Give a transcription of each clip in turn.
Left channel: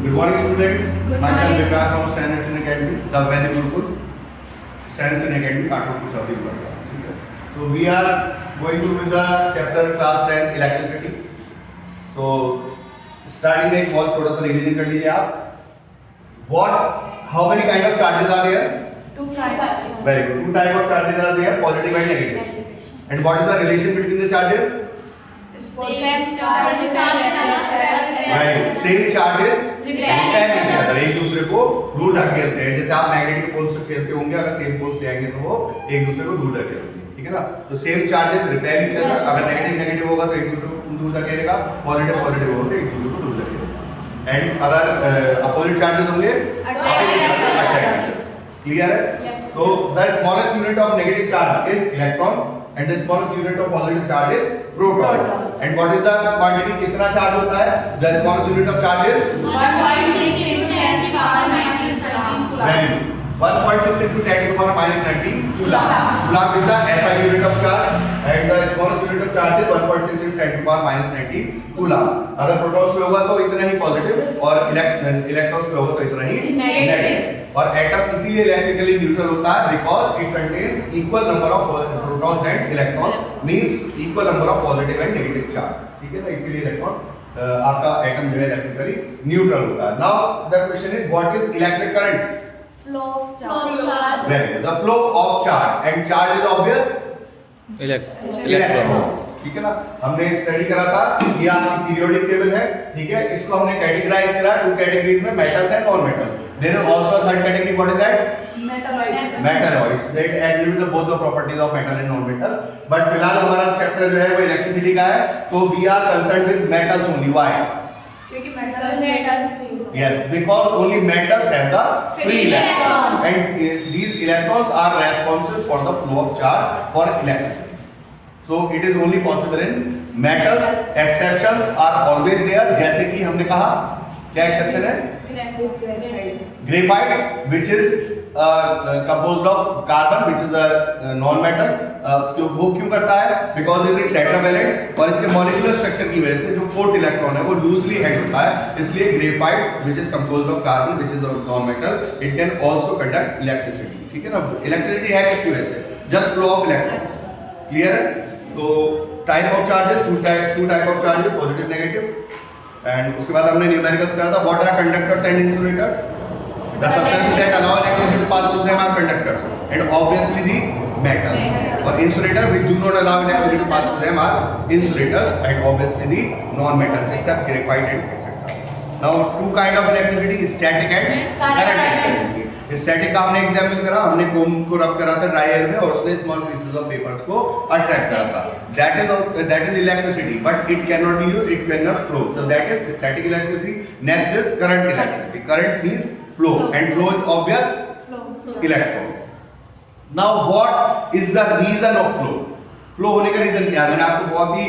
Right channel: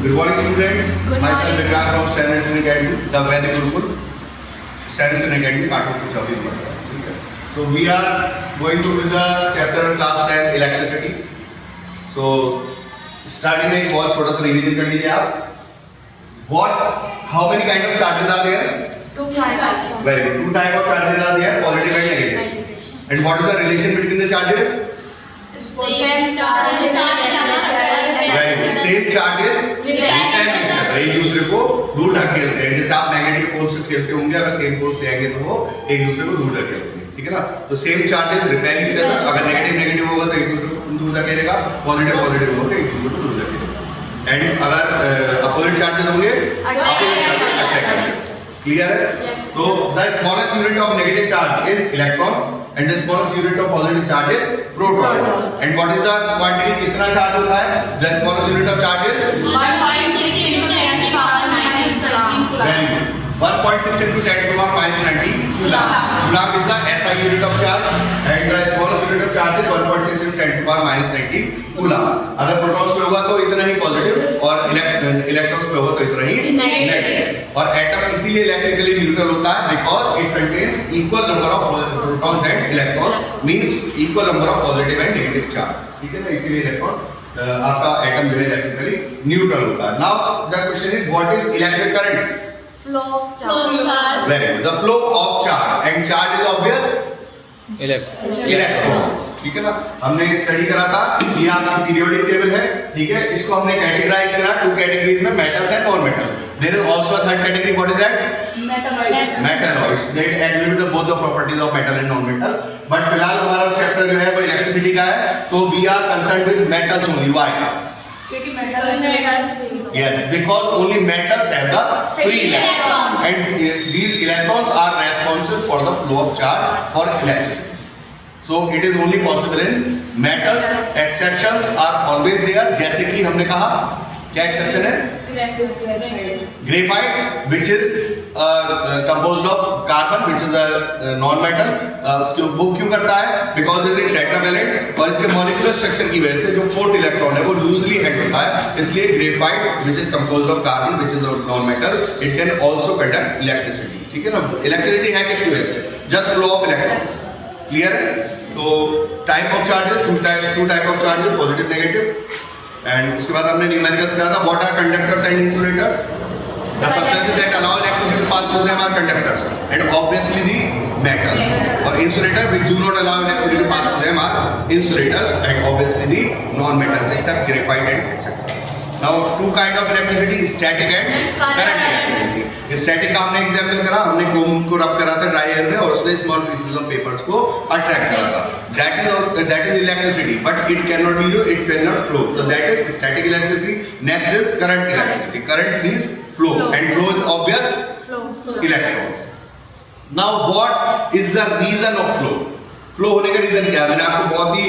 Good morning, student. Myself Vikrant from Standard Student Academy, the Vedic Gurukul, Standard Student Academy, Kanpur, Punjab. So we are going to do the chapter class 10 electricity. So starting एक बहुत छोटा सा revision कर लीजिए आप. How many kind of charges are there? Two kinds. Very good. Two type of charges are there, positive and negative. And what is the relation between the charges? Same charges. Right. Same charges repel each other. एक दूसरे को दूर ढकेलते हैं. जैसे आप magnetic force से खेलते होंगे, अगर सेम फोर्स लेंगे तो वो एक दूसरे को दूर ढकेलेंगे. ठीक है ना? तो same charges repel each other. अगर नेगेटिव होगा तो एक दूसरे को दूर ढकेलेगा, पॉजिटिव होगा तो एक दूसरे को दूर ढकेलेगा. एंड अगर अपोजिट चार्जेस होंगे, अपोजिट चार्जेस अट्रैक्ट करेंगे. क्लियर है? तो the smallest unit of negative charge is electron and the smallest unit of positive charge is proton. And what is the quantity? कितना चार्ज होता है? The smallest unit of charge is 1.6 into 10 to the power minus 19 coulomb. 1.6 into 10 to the power minus 19 coulomb. Coulomb is the SI unit of charge, and the smallest unit of charge is 1.6 into 10 to the power minus 19 coulomb. अगर protons पे होगा तो इतना ही positive और electrons पे होगा तो इतना ही नेगेटिव. और एटम इसीलिए इलेक्ट्रिकली न्यूट्रल होता है because it contains equal number of protons and electrons, means equal number of positive and negative charge. ठीक है ना? इसीलिए इलेक्ट्रॉन आपका एटम जो है इलेक्ट्रिकली न्यूट्रल होता है. Now the question is what is electric current? Flow of charge. Very good. The flow of charge, and charge is obvious. Electron. ठीक है ना? हमने स्टडी करा था. ये आपकी पीरियोडिक टेबल है. ठीक है? इसको हमने कैटेगराइज करा टू कैटेगरीज में, metals and non metal. There is also a third category. What is that? Metalloids. That exhibit both the properties of metal and non metal. But फिलहाल हमारा चैप्टर जो है वो इलेक्ट्रिसिटी का है, तो we are concerned with metals only. Why? क्योंकि metals Yes, because only metals have the free electrons, and these electrons are responsible for the flow of charge for electricity. So it is only possible in metals. Exceptions are always there. जैसे कि हमने कहा, क्या exception है? Graphite, which is composed of carbon, which is a non-metal. वो क्यों करता है? Because it is tetravalent और इसके molecular structure की वजह से जो फोर्थ इलेक्ट्रॉन है वो loosely held होता है. इसलिए graphite, which is composed of carbon, which is a non-metal, it can also conduct electricity. ठीक है ना? Electricity है किसकी वजह से? Just flow of electrons. Clear है? तो type of charges, two type of charges, positive, negative. And उसके बाद हमने न्यूमेरिकल्स करा था. What are conductors and insulators? The substances that allow electricity to pass through them are conductors, and obviously the metals. Or insulator which do not allow electricity to pass through them are insulators, and obviously the non-metals except graphite and etc. Now two kind of electricity: static and current electricity. Static का हमने example करा. हमने कोम को रब करा था dry air में और उसने स्मॉल पीसेस ऑफ पेपर्स को अट्रैक्ट करा था. That is electricity, but it can not be used, it can not flow. तो that is static electricity. Next is current electricity. Current means flow, and flow is obvious. Electrons. Now what is the reason of flow? Flow होने का reason क्या है? मैंने आपको बहुत ही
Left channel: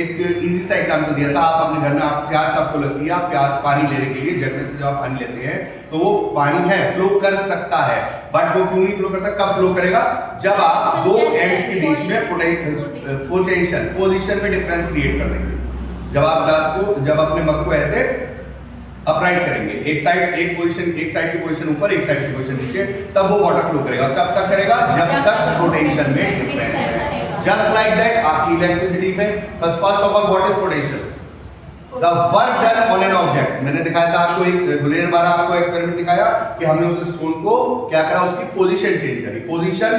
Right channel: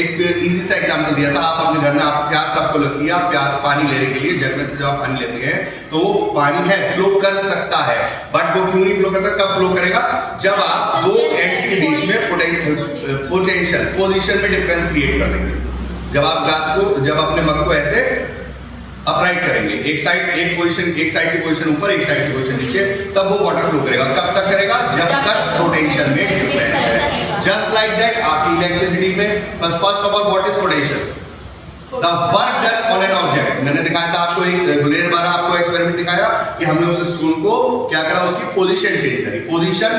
एक easy सा एग्जांपल दिया था. आप अपने घर में आप प्यास सबको लगती है, आप प्यास पानी लेने के लिए जग में से जब आप पानी लेते हैं तो वो पानी है फ्लो कर सकता है, बट वो क्यों नहीं फ्लो करता? कब फ्लो करेगा? जब आप दो एंड्स के बीच में पोटेंशियल पोजीशन में डिफरेंस क्रिएट कर देंगे. जब आप ग्लास को, जब अपने मग को ऐसे अपराइट करेंगे, एक साइड की पोजीशन ऊपर, एक साइड की पोजीशन नीचे, तब वो वाटर फ्लो करेगा. कब तक करेगा? जब तक पोटेंशियल में डिफरेंस है. जस्ट लाइक दैट आपकी इलेक्ट्रिसिटी में first of all what is potential? The work done on an object. मैंने दिखाया था आपको एक गुलेर बार आपको एक्सपेरिमेंट दिखाया कि हमने उस स्टूल को क्या करा, उसकी पोजीशन चेंज करी. पोजीशन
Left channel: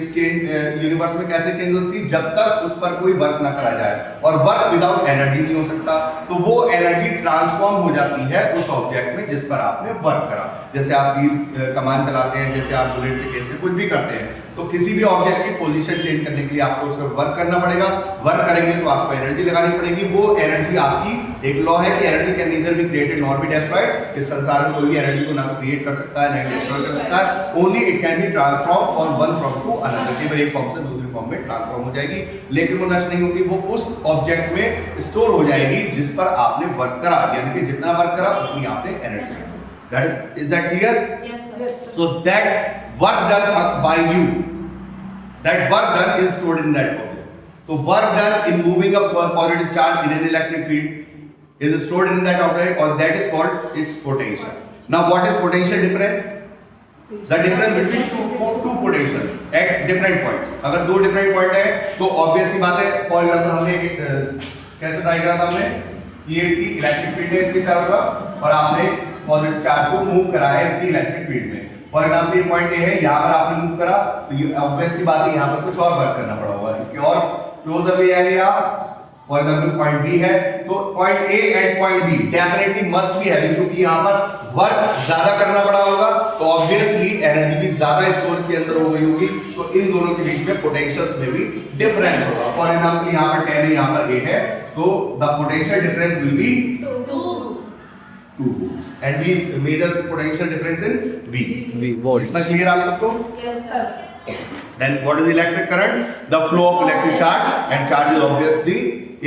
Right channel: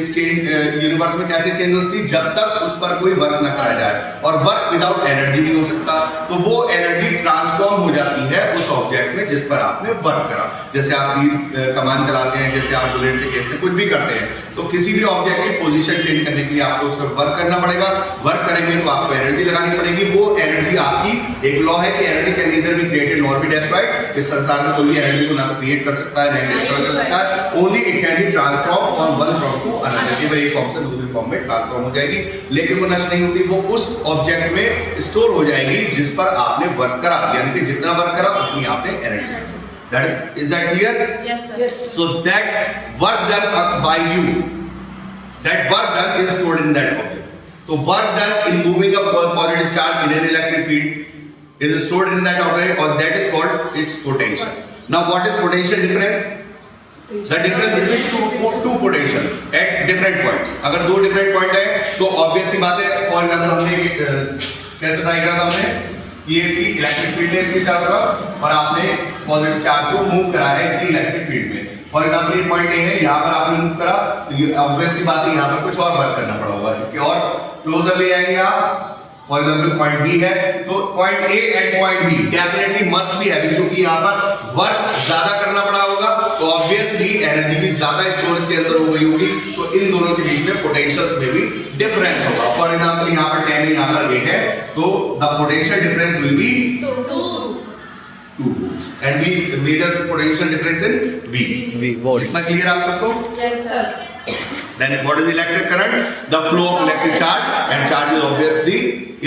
इस यूनिवर्स में कैसे चेंज होती है? जब तक उस पर कोई वर्क ना करा जाए, और वर्क विदाउट एनर्जी नहीं हो सकता. तो वो एनर्जी ट्रांसफॉर्म हो जाती है उस ऑब्जेक्ट में जिस पर आपने वर्क करा. जैसे आप तीर कमान चलाते हैं, जैसे आप बुलेट से कैसे कुछ भी करते हैं, तो किसी भी ऑब्जेक्ट की पोजीशन चेंज करने के लिए आपको उसका वर्क करना पड़ेगा. वर्क करेंगे तो आपको एनर्जी लगानी पड़ेगी. वो एनर्जी आपकी, एक लॉ है कि energy can neither be created nor be destroyed. इस संसार में कोई भी एनर्जी को ना तो क्रिएट कर सकता है ना ही डिस्ट्रॉय कर सकता है. Only it can be transform from one form to another. कि एक फॉर्म से दूसरी फॉर्म में ट्रांसफॉर्म हो जाएगी, लेकिन वो नष्ट नहीं होती. वो उस ऑब्जेक्ट में स्टोर हो जाएगी जिस पर आपने वर्क करा. यानी कि जितना वर्क करा उतनी आपने energy. That is that clear? Yes, sir. So that work done by you, that work done is stored in that object. So work done in moving a positive charge in an electric field is stored in that object, or that is called its potential. Now what is potential difference? The difference between two potential at different points. अगर दो different point है तो obvious सी बात है, for example हमने कैसे try करा था हमने, ये इसकी इलेक्ट्रिक फील्ड है इसके चारों तरफ और आपने पॉजिटिव चार्ज को मूव करा है इसकी इलेक्ट्रिक फील्ड में। फॉर एग्जाम्पल ये पॉइंट ए है, यहाँ पर आपने मूव करा तो ये obvious सी बात है यहाँ पर कुछ और वर्क करना पड़ा होगा, इसके और क्लोजर ले जाएंगे आप। फॉर एग्जाम्पल पॉइंट बी है तो point A and point be definitely must be having, क्योंकि यहाँ पर वर्क ज्यादा करना पड़ा होगा तो ऑब्वियसली एनर्जी भी ज्यादा स्टोरेज के अंदर हो गई होगी, तो इन दोनों के बीच में पोटेंशियल्स में भी डिफरेंस होगा। फॉर एग्जाम्पल यहाँ पर 10 है, यहाँ पर 8 है, तो the potential difference will be 2 and we measure potential difference in V volt. इतना क्लियर आप सबको? Yes, sir. Then what is electric current? The flow of electric charge, and charge is obviously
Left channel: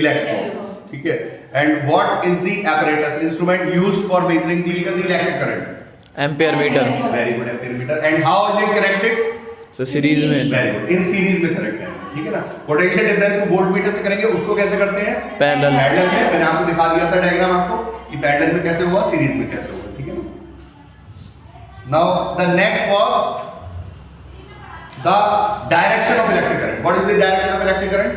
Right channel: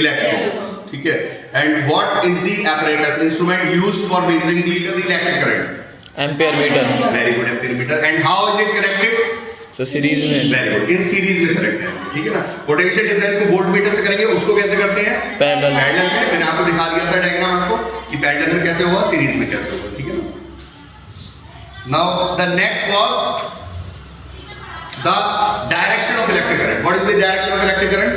electron. ठीक है? And what is the apparatus instrument used for measuring the electric current? Ampere metre. Very good, ampere meter. And how is it connected? तो series में। Very good. In series में connect है, ठीक है ना? Potential difference को volt meter से करेंगे, उसको कैसे करते हैं? पैरेलल। पैरेलल में मैंने आपको दिखा दिया था डायग्राम आपको कि पैरेलल में कैसे होगा, सीरीज में कैसे होगा, ठीक है ना? Now the next was the direction of electric current. What is the direction of electric current?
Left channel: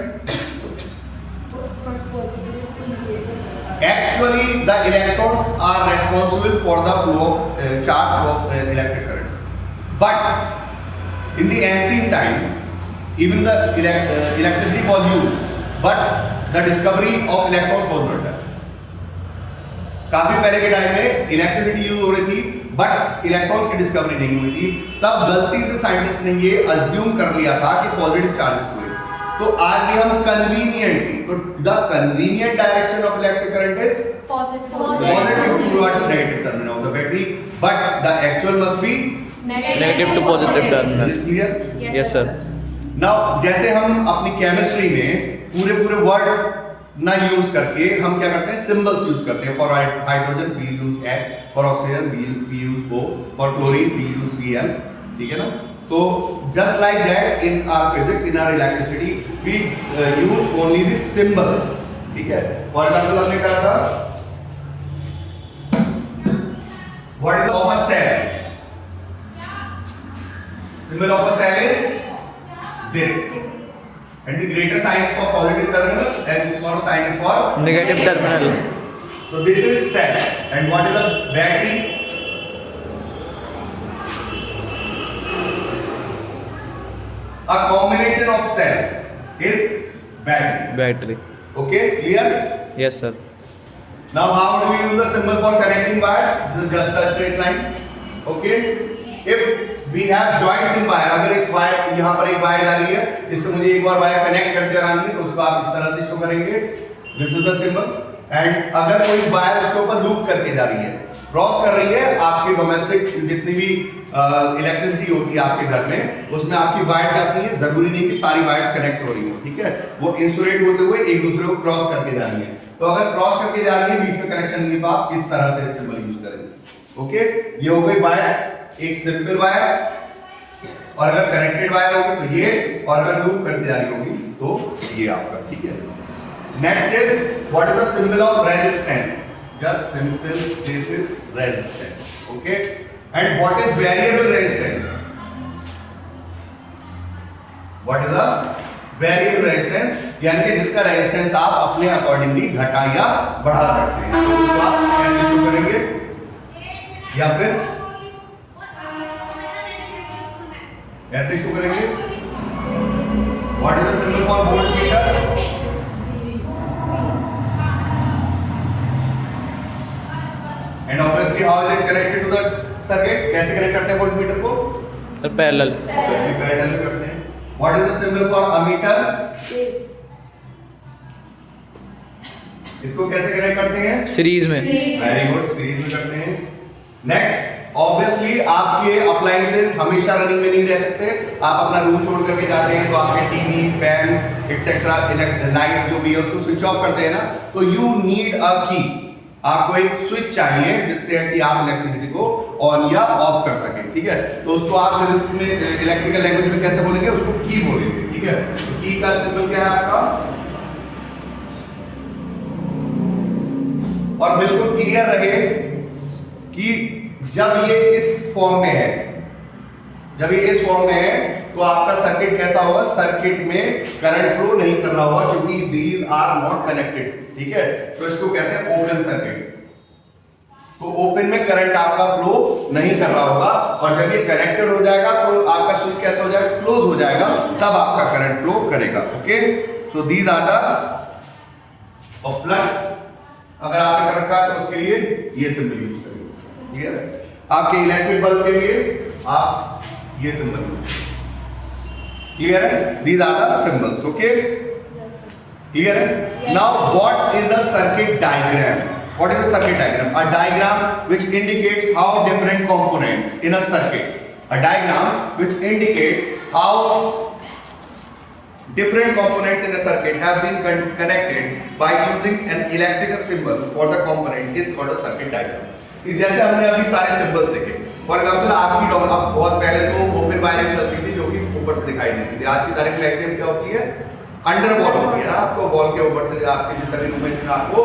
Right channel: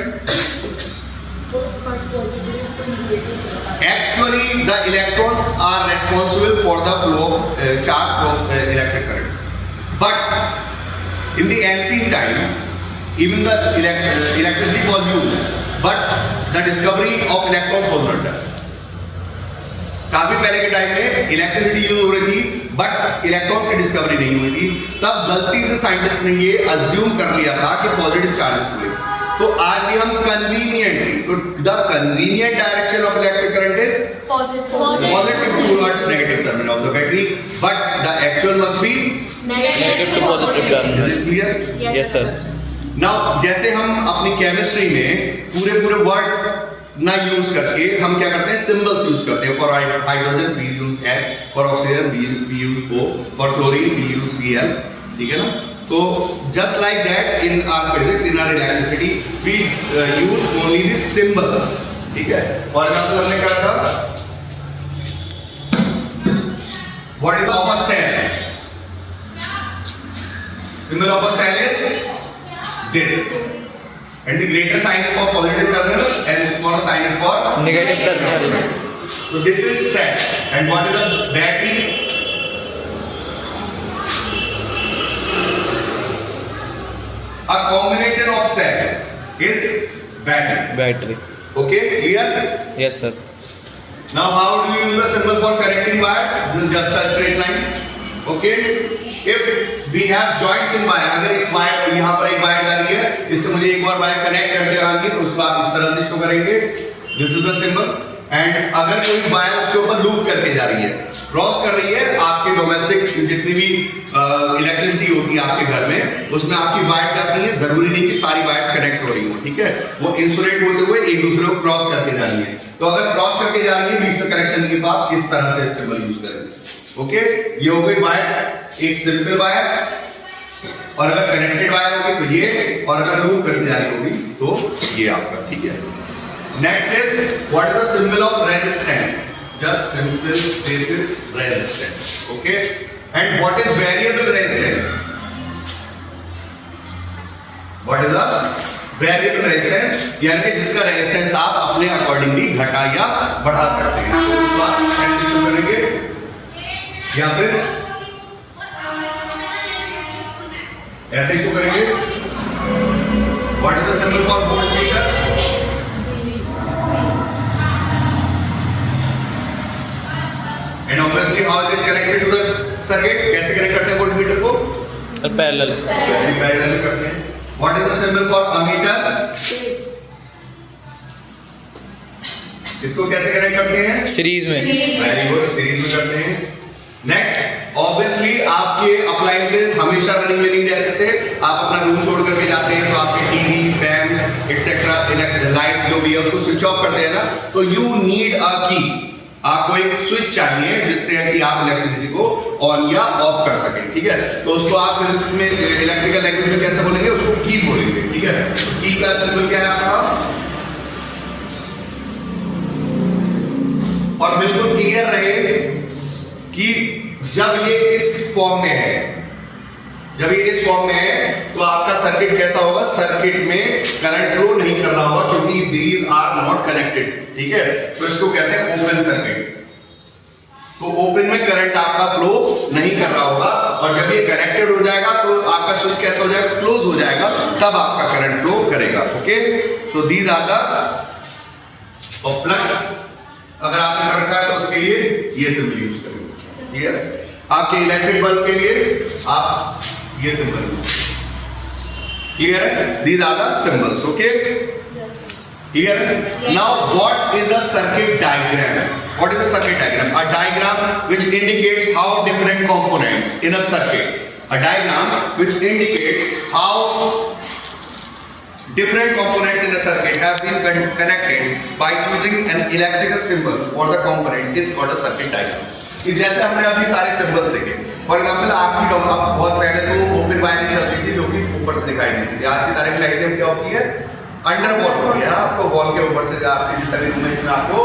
Actually, the electrons are responsible for the flow, charge flow of electric current. But in the ancient time, even the electricity was used, but the discovery of electrons was not done. काफी पहले के time में electricity use हो रही थी but electrons की discovery नहीं हुई थी, तब गलती से साइंटिस्ट ने ये अज्यूम कर लिया था कि पॉजिटिव चार्जेस हुए। तो आज भी हम कन्वीनियंटली, तो the convenient direction of electric current is positive towards negative terminal of the battery, but the actual must be negative to positive terminal. Clear? Yes sir. Now जैसे हम अपनी केमिस्ट्री में पूरे वर्ड्स ना यूज करके हम क्या करते हैं, सिंबल्स यूज करते हैं। For hydrogen we use H, for oxygen we use O, for chlorine we use Cl, ठीक है ना? तो just like that in our physics, in our electricity we use only the symbols, ठीक है? For example हमने क्या कहा, what is of a cell? Symbol of a cell is this, and the greater sign is for positive terminal and the smaller sign is for negative terminal. so this is cell, and what is a battery? A combination of cell is battery. Battery. Okay, clear? Yes sir. Now how do you use a symbol for connecting wires? This is just a straight line. Okay, if we have joints in wire, अगर इस wire, यहाँ पर एक wire डाली है, इससे मुझे एक और वायर कनेक्ट करके आएंगे तो उसको आप इस तरह से शो करेंगे, this is the symbol. And अगर कोई वायर उसके ऊपर लूप करके जा रही है, क्रॉस कर रही है, आपकी डोमेस्टिक जितनी भी इलेक्ट्रिसिटी होती है आपके घर में, उसमें आपकी वायर्स आती हैं, जरूरी नहीं कि सारी वायर्स कनेक्ट हो रही हो, ठीक है? वो इंसुलेट होते हुए एक दूसरे को क्रॉस करके जा रही है, तो अगर क्रॉस करके जा रही है, बीच में कनेक्शन नहीं है, तो आप इस तरह से सिंबल यूज करेंगे। ओके, ये हो गई वायर्स, एक सिंपल वायर, और अगर कनेक्टेड वायर होगी तो ये, और अगर लूप करके जा रही होगी तो ये आपका, ठीक है? Next is what is the symbol of resistance? Just simple this is resistance, okay? And what is variable resistance? What is the variable resistance? यानी कि जिसका रेजिस्टेंस आप अपने अकॉर्डिंगली घटा या बढ़ा सकते हैं। तो उसको आप कैसे शो करेंगे, या फिर ऐसे शो करेंगे? What is the symbol for voltmeter? And obviously how is it connected to the circuit? कैसे कनेक्ट करते हैं वोल्टमीटर को? और पैरेलल। पैरेलल करते हैं। What is the symbol for ammeter? इसको कैसे कनेक्ट करते हैं? सीरीज में। वेरी गुड, सीरीज में करते हैं। नेक्स्ट, ऑब्वियसली आपके अप्लायंसेस हमेशा रनिंग में नहीं रह सकते। आप अपना रूम छोड़ करके जाते हैं तो आपके टीवी, फैन एक्सेट्रा, लाइट जो भी है उसको स्विच ऑफ करते हैं ना, तो यू नीड अ की। आपको एक स्विच चाहिए जिससे कि आप इलेक्ट्रिसिटी को ऑन या ऑफ कर सकें, ठीक है? तो उसको आप फिजिक्स में इलेक्ट्रिकल लैंग्वेज में कैसे बोलेंगे? उसको की बोलेंगे, ठीक है? तो की का सिंबल क्या है आपका? और बिल्कुल क्लियर रहे कि जब ये इस फॉर्म में है, जब ये इस फॉर्म में है तो आपका सर्किट कैसा होगा, सर्किट में करंट फ्लो नहीं कर रहा होगा क्योंकि दीज आर नॉट कनेक्टेड, ठीक है। तो इसको कहते हैं ओपन सर्किट। तो ओपन में करंट आपका फ्लो नहीं कर रहा होगा, और जब ये कनेक्टेड हो जाएगा तो आपका स्विच कैसा हो जाएगा, क्लोज हो जाएगा, तब आपका करंट फ्लो करेगा। ओके, तो दीज आर द प्लग। अगर आपने कर रखा है तो उसके लिए ये सिंबल यूज करेंगे, ठीक है। आपके इलेक्ट्रिक बल्ब के लिए आप ये सिंबल, क्लियर है, these are the symbols. Okay, clear है। Now what is a circuit diagram? What is a circuit diagram? A diagram which indicates how different components in a circuit. A diagram which indicates how different components in a circuit have been connected by using an electrical symbol for the component is called a circuit diagram. कि जैसे हमने अभी सारे symbols देखे, for example आपकी अब बहुत पहले तो ओपन वायरिंग चलती थी जो कि ऊपर से दिखाई देती थी। आज की तारीख में आईसीएम क्या होती है, अंडर वॉल होती है। आपको वॉल के ऊपर से आपके जितना भी रूम है इसमें आपको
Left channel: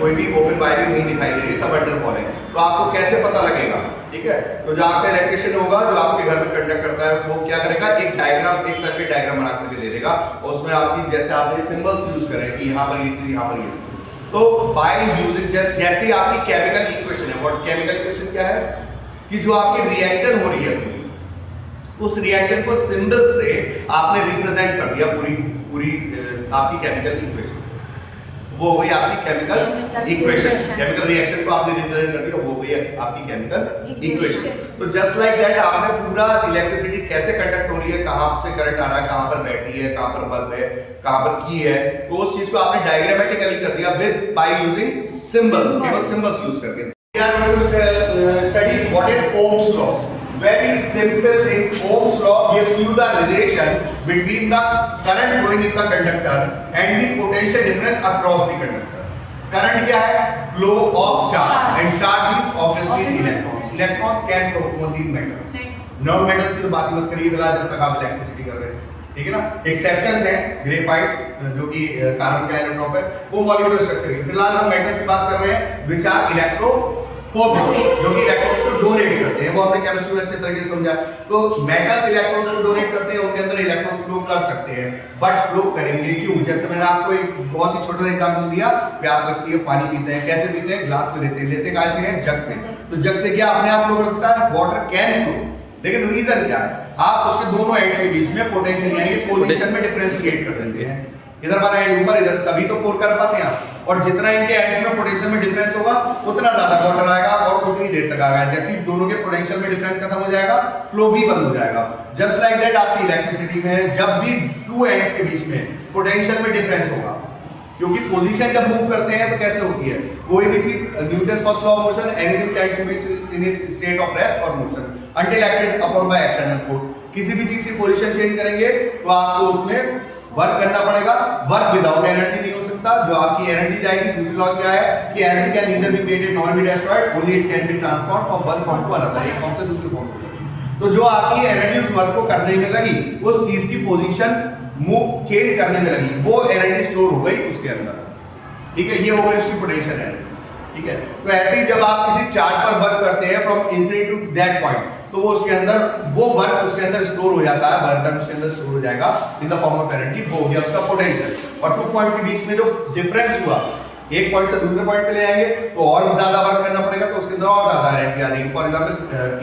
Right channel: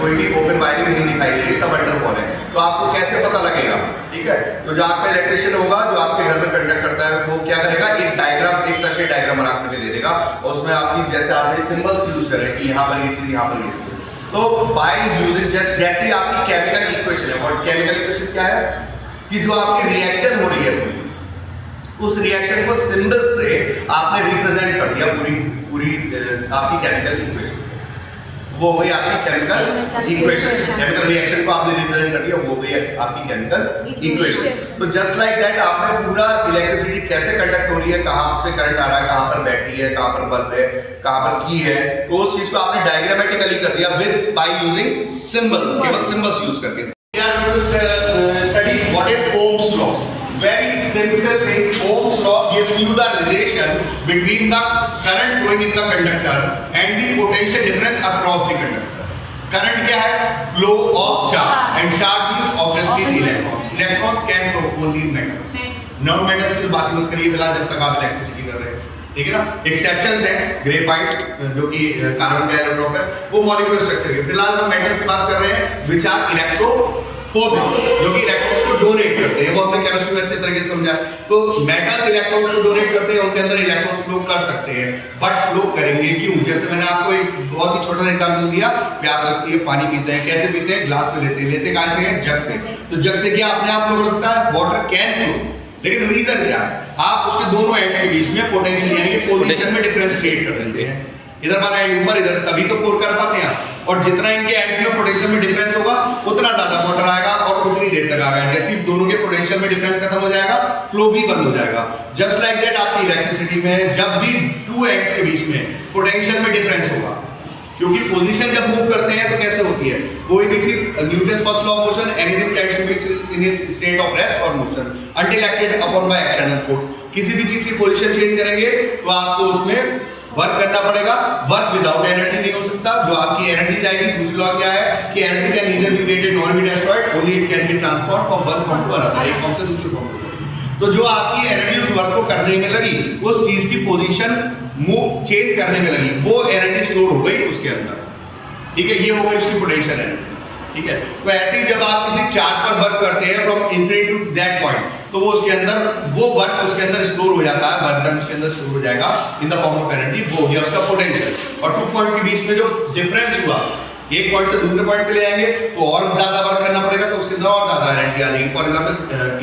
कोई भी ओपन वायरिंग नहीं दिखाई देगी, सब अंडर वॉल है। तो आपको कैसे पता लगेगा, ठीक है। तो जो आपका इलेक्ट्रिशियन होगा जो आपके घर में कंडक्ट करता है वो क्या करेगा, एक डायग्राम, एक सर्किट डायग्राम बना के दे देगा, और उसमें आपकी जैसे आपने सिंबल्स यूज करें कि यहाँ पर ये चीज, यहाँ पर ये चीज। तो बाय यूजिंग जैसे आपकी केमिकल इक्वेशन है, और केमिकल इक्वेशन क्या है कि जो आपकी रिएक्शन हो रही है उस रिएक्शन को सिंबल से आपने रिप्रेजेंट कर दिया, पूरी आपकी केमिकल इक्वेशन, वो हो गई आपकी केमिकल इक्वेशन। केमिकल रिएक्शन को आपने रिप्रेजेंट कर दिया, वो हो गई आपकी केमिकल इक्वेशन। तो जस्ट लाइक दैट आपने पूरा इलेक्ट्रिसिटी कैसे कंडक्ट हो रही है, कहाँ से करंट आ रहा है, कहाँ पर बैटरी है, कहाँ पर बल्ब है, कहाँ पर की है, तो उस चीज को आपने डायग्रामेटिकली कर दिया विद बाय यूजिंग सिंबल्स, केवल सिंबल्स यूज करके। We are going to study what is Ohm's law. Very simple thing. Ohm's law gives you the relation between the current flowing in the conductor and the potential difference across the conductor. Current क्या है? Flow of charge, and charge is obviously the electrons. Electrons can flow only in metals. Non-metals की बात मत करिए फिलहाल जब तक आप इलेक्ट्रिसिटी कर रहे हैं, ठीक है ना। एक्सेप्शंस हैं, ग्रेफाइट जो कि कार्बन का इलेक्ट्रॉन है, वो मॉलिक्यूलर स्ट्रक्चर है। फिलहाल हम मेटल्स की बात कर रहे हैं which are इलेक्ट्रोफोबिक, जो कि इलेक्ट्रॉन्स को डोनेट करते हैं। वो हमने केमिस्ट्री में अच्छे तरीके से समझा। तो मेटल्स इलेक्ट्रॉन्स को डोनेट करते हैं, उनके अंदर इलेक्ट्रॉन्स फ्लो कर सकते हैं, बट फ्लो करेंगे क्यों? जैसे मैंने आपको एक बहुत ही छोटा सा एग्जांपल दिया, प्यास लगती है, पानी पीते हैं, कैसे पीते हैं, ग्लास में लेते कहाँ से हैं, जग से। तो जग से क्या अपने आप फ्लो कर सकता है, वाटर कैन फ्लो, लेकिन रीजन क्या है, आप उसके दोनों एंड के बीच में पोटेंशियल यानी कि पोजीशन में डिफरेंस क्रिएट कर देते हैं। इधर वाला एंड ऊपर, इधर, तभी तो पोर कर पाते हैं। और जितना इनके एंड्स में पोटेंशियल में डिफरेंस होगा उतना ज्यादा वाटर आएगा और उतनी देर तक आएगा। जैसे ही दोनों के पोटेंशियल में डिफरेंस खत्म हो जाएगा, फ्लो भी बंद हो जाएगा। जस्ट लाइक दैट आपकी इलेक्ट्रिसिटी में जब भी टू एंड्स के बीच में पोटेंशियल में डिफरेंस होगा, क्योंकि पोजीशन जब मूव करते हैं तो कैसे होती है, कोई भी चीज, Newton's first law of motion, anything can be in its state of rest और motion until acted upon by external force. किसी भी चीज की पोजीशन चेंज करेंगे तो आपको उसमें वर्क करना पड़ेगा। वर्क विदाउट एनर्जी नहीं हो सकता। जो आपकी एनर्जी जाएगी, दूसरी लॉ क्या है कि energy can neither be created nor be destroyed, only it can be transformed from one form to another, एक फॉर्म से दूसरे फॉर्म में। तो जो आपकी एनर्जी उस वर्क को करने में लगी, उस चीज की पोजीशन मूव चेंज करने में लगी, वो एनर्जी स्टोर हो गई उसके अंदर, ठीक है। ये हो गई उसकी पोटेंशियल एनर्जी, ठीक है। तो ऐसे ही जब आप किसी चार्ट पर वर्क करते हैं from infinity to that point, तो वो उसके अंदर, वो वर्क उसके अंदर स्टोर हो जाता है, वर्क डन उसके अंदर स्टोर हो जाएगा in the form of energy, वो हो गया उसका पोटेंशियल। और 2 पॉइंट्स के बीच में जो डिफरेंस हुआ, एक पॉइंट से दूसरे पॉइंट पे ले जाएंगे तो और ज्यादा वर्क करना पड़ेगा, तो उसके अंदर और ज्यादा एनर्जी आ जाएगी। फॉर एग्जांपल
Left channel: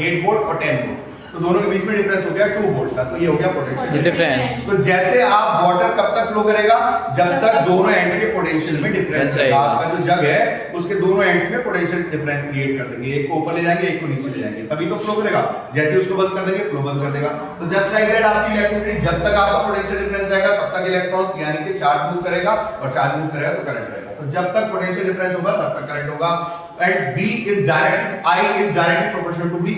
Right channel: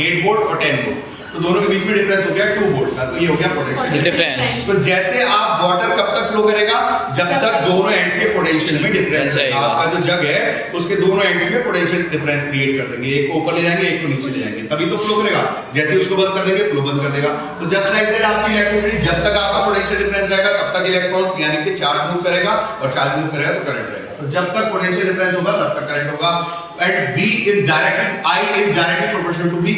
8 वोल्ट और 10 वोल्ट, तो दोनों के बीच में डिफरेंस हो गया 2 वोल्ट का, तो ये हो गया पोटेंशियल डिफरेंस। तो जैसे आप वाटर कब तक फ्लो करेगा, जब तक दोनों एंड्स के पोटेंशियल में डिफरेंस है। आपका जो जग है उसके दोनों एंड्स में पोटेंशियल डिफरेंस क्रिएट कर देंगे, एक को ऊपर ले जाएंगे, एक को नीचे ले जाएंगे, तभी तो फ्लो करेगा। जैसे उसको बंद कर देंगे, फ्लो बंद कर देगा। तो जस्ट लाइक दैट आपकी इलेक्ट्रिसिटी, जब तक आपका पोटेंशियल डिफरेंस रहेगा तब तक इलेक्ट्रॉन्स यानी कि चार्ज मूव करेगा, और चार्ज मूव करेगा तो करंट रहेगा। तो जब तक पोटेंशियल डिफरेंस होगा तब तक करंट होगा। And V is directly, I is directly proportional to V,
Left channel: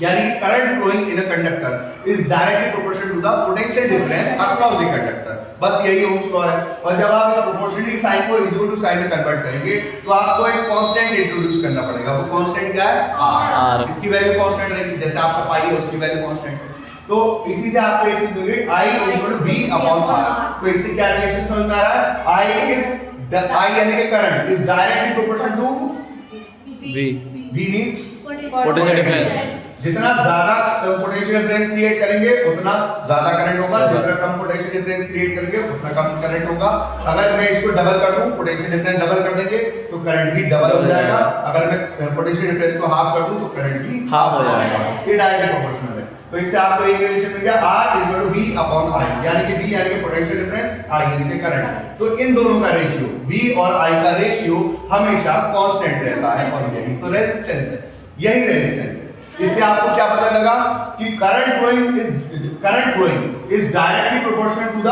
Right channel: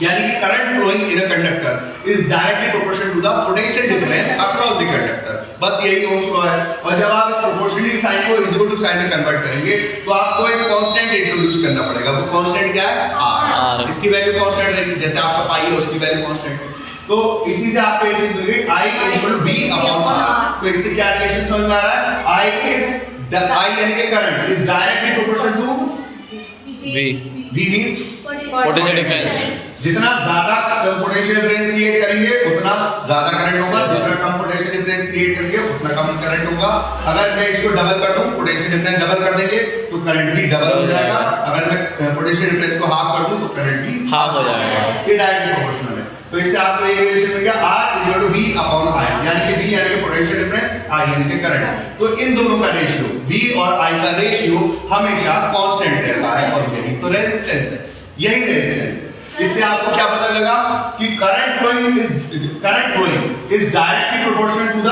यानी कि current flowing in a conductor is directly proportional to the potential difference across the conductor. बस यही ओम्स लॉ है। और जब आप इस प्रोपोर्शनलिटी साइन को इज इक्वल टू साइन में कन्वर्ट करेंगे तो आपको एक कांस्टेंट इंट्रोड्यूस करना पड़ेगा। वो कांस्टेंट क्या है, r। इसकी वैल्यू कांस्टेंट है, जैसे आपका पाई है उसकी वैल्यू कांस्टेंट है। तो इसी से आपको एक चीज मिलेगी, I is equal to V upon r। तो इससे क्या रिलेशन समझ में आ रहा है, I इज I यानी कि current is directly proportional to V. V means Potential difference. जितना ज्यादा पोटेंशियल डिफरेंस क्रिएट करेंगे उतना ज्यादा करंट होगा, जितना कम पोटेंशियल डिफरेंस क्रिएट करेंगे उतना कम करंट होगा। अगर मैं इसको डबल कर दूं, पोटेंशियल डिफरेंस डबल कर देंगे तो करंट भी डबल हो जाएगा। अगर मैं पोटेंशियल डिफरेंस को हाफ कर दूं तो करंट भी हाफ हो जाएगा। ये डायरेक्ट प्रोपोर्शनल है। तो इससे आपको ये रिलेशन मिल गया R = V अपॉन I, यानी कि V यानी कि पोटेंशियल डिफरेंस, I यानी कि करंट। तो इन दोनों का रेशियो V और I का रेशियो हमेशा कांस्टेंट रहता है और यही तो रेजिस्टेंस है, यही रेजिस्टेंस है। इससे आपको क्या पता लगा कि current flowing is directly proportional to the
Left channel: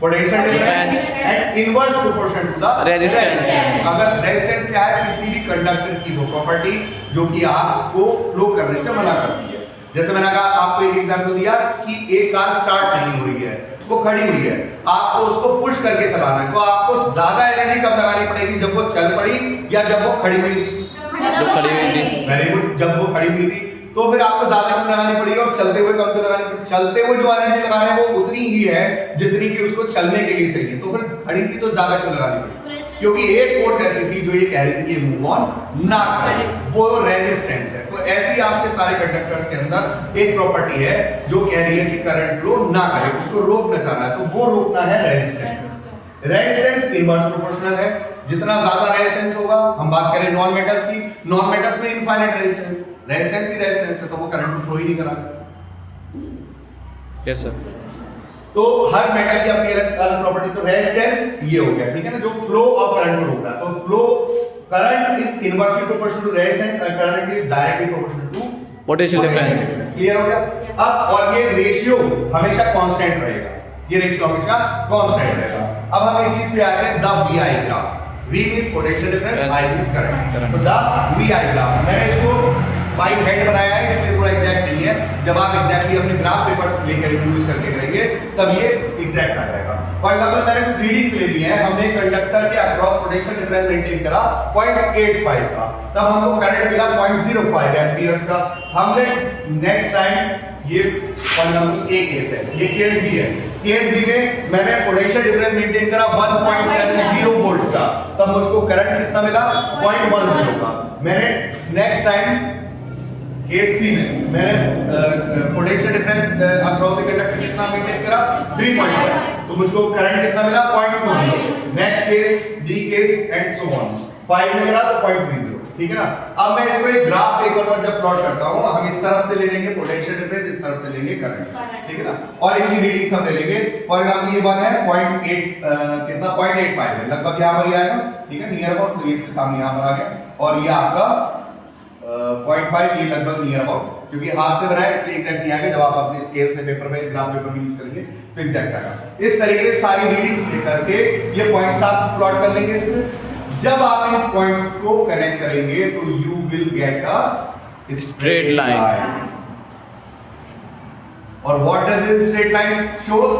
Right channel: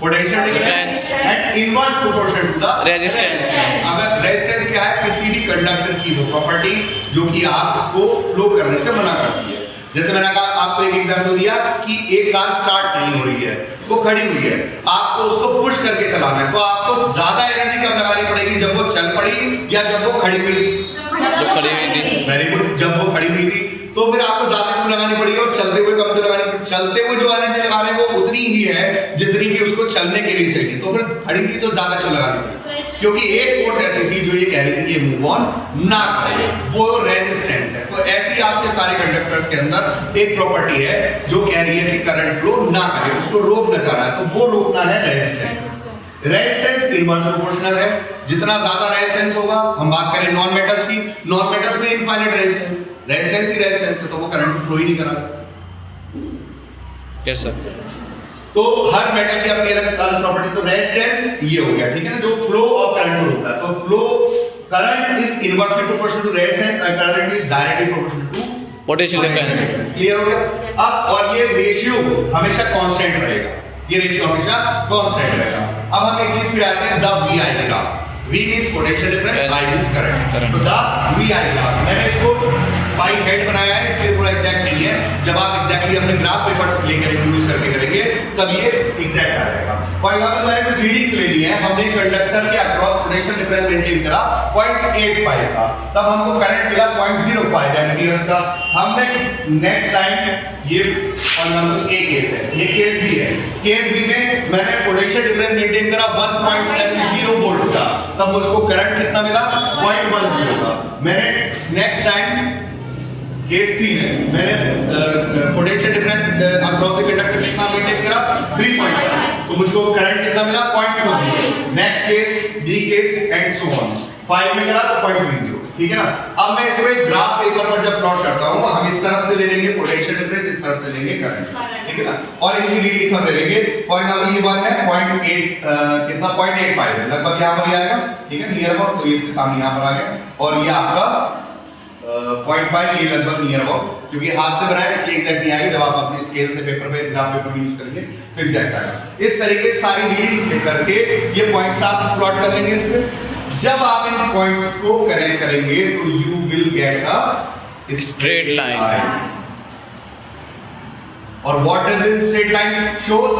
potential difference and inverse proportional to the resistance. अगर रेजिस्टेंस क्या है, किसी भी कंडक्टर की वो प्रॉपर्टी जो कि आपको फ्लो करने से मना करती है। जैसे मैंने कहा आपको एक एग्जांपल दिया कि एक कार स्टार्ट नहीं हो रही है, वो खड़ी हुई है, आपको उसको पुश करके चलाना है, तो आपको ज्यादा एनर्जी कब लगानी पड़ेगी, जब वो चल पड़ी या जब वो खड़ी हुई थी? वेरी गुड, जब वो खड़ी हुई थी। तो फिर आपको ज्यादा क्यों लगानी पड़ी और चलते हुए कम क्यों लगानी पड़ी? चलते हुए जो एनर्जी लगा रहे हैं वो उतनी ही है जितनी कि उसको चलने के लिए चाहिए, तो फिर खड़ी थी तो ज्यादा क्यों लगानी पड़ी? क्योंकि एक फोर्स ऐसी थी जो ये कह रही थी कि मूव ऑन ना करे, वो रेजिस्टेंस है। तो ऐसी आपके सारे कंडक्टर्स के अंदर एक प्रॉपर्टी है जो कह रही है कि करंट फ्लो ना करे, उसको रोकना चाह रहा है, तो वो रोकना है रेजिस्टेंस। रेजिस्टेंस इनवर्स प्रोपोर्शनल है, जितना ज्यादा रेजिस्टेंस होगा, हम बात करें नॉन मेटल्स की, नॉन मेटल्स में इनफाइनाइट रेजिस्टेंस, रेजिस्टेंस ही रेजिस्टेंस है, तो वो करंट फ्लो ही नहीं करा। Yes sir. तो हर मेटल की अपनी अलग अलग प्रॉपर्टी। तो रेजिस्टेंस ये हो गया, ठीक है ना, जो फ्लो ऑफ करंट को रोकता है। तो flow current is inversely proportional to resistance and current is directly proportional to potential difference. Clear हो गया? अब और ये रेशियो हमेशा कांस्टेंट रहेगा, ये रेशियो हमेशा कांस्टेंट रहेगा। अब हम एक चीज पे आते हैं, the VI graph. V means potential difference, I means current. तो द VI ग्राफ, मैंने इसको बाई हेड बनाया है इसलिए थोड़ा एग्जैक्ट नहीं है। जब आप एग्जैक्टली अपने ग्राफ पेपर्स लेकर यूज करके करेंगे तब ये एग्जैक्ट आ जाएगा। फॉर एग्जांपल मैंने कुछ रीडिंग्स ले ली है, हमने कंडक्टर के अक्रॉस पोटेंशियल डिफरेंस मेंटेन करा 0.85 का, तब हमको करंट मिला 0.05 एम्पियर्स का। हमने नेक्स्ट टाइम ये फॉर एग्जांपल ए केस है, ये केस बी है, केस बी में मैंने पोटेंशियल डिफरेंस मेंटेन करा 1.70 वोल्ट का, तब मुझको करंट कितना मिला? 0.10 का। मैंने नेक्स्ट टाइम केस सी में मैंने potential difference across the conductor कितना मेंटेन करा? 3.5, तो मुझको करंट कितना मिला? 0.20। Next case B case and so on, 5 में करा तो 0.30, ठीक है ना। अब मैं इसको एक ग्राफ पेपर पर जब प्लॉट करता हूं, हम इस तरफ से ले लेंगे पोटेंशियल डिफरेंस, इस तरफ से लेंगे करंट, ठीक है ना, और इनकी रीडिंग्स हम ले लेंगे। फॉर एग्जांपल ये वन है 0.8 कितना 0.85 है, लगभग यहां पर ही आएगा, ठीक है, नियर अबाउट, तो ये इसके सामने यहां पर आ गया, और ये आपका 0.5 ये लगभग नियर अबाउट, क्योंकि हाथ से बनाया इसलिए एग्जैक्ट नहीं आएगा, जब आप अपने स्केल से पेपर पे ग्राफ पेपर यूज करेंगे तो एग्जैक्ट आएगा। इस तरीके से सारी रीडिंग्स लेकर के ये पॉइंट्स आप प्लॉट कर लेंगे इसमें। जब आप इन पॉइंट्स को कनेक्ट करेंगे तो you will get a straight line. और what does this straight line shows?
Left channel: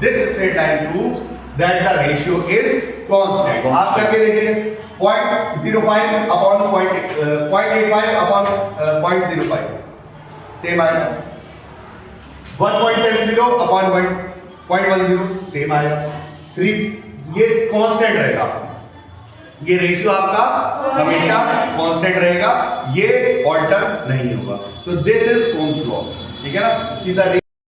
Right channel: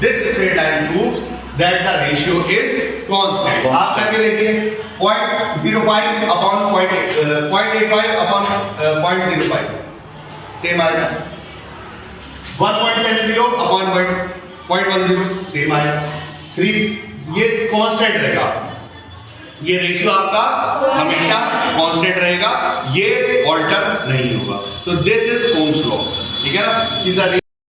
This straight line proves that the ratio is constant. आप करके देखिए 0.05 अपॉन 0.85 अपॉन 0.05 सेम आएगा, 1.70 अपॉन 0.10 सेम आएगा, 3 ये कांस्टेंट रहेगा, ये रेशियो आपका हमेशा कांस्टेंट रहेगा, ये ऑल्टर नहीं होगा। तो दिस इज ओम्स लॉ, ठीक है ना।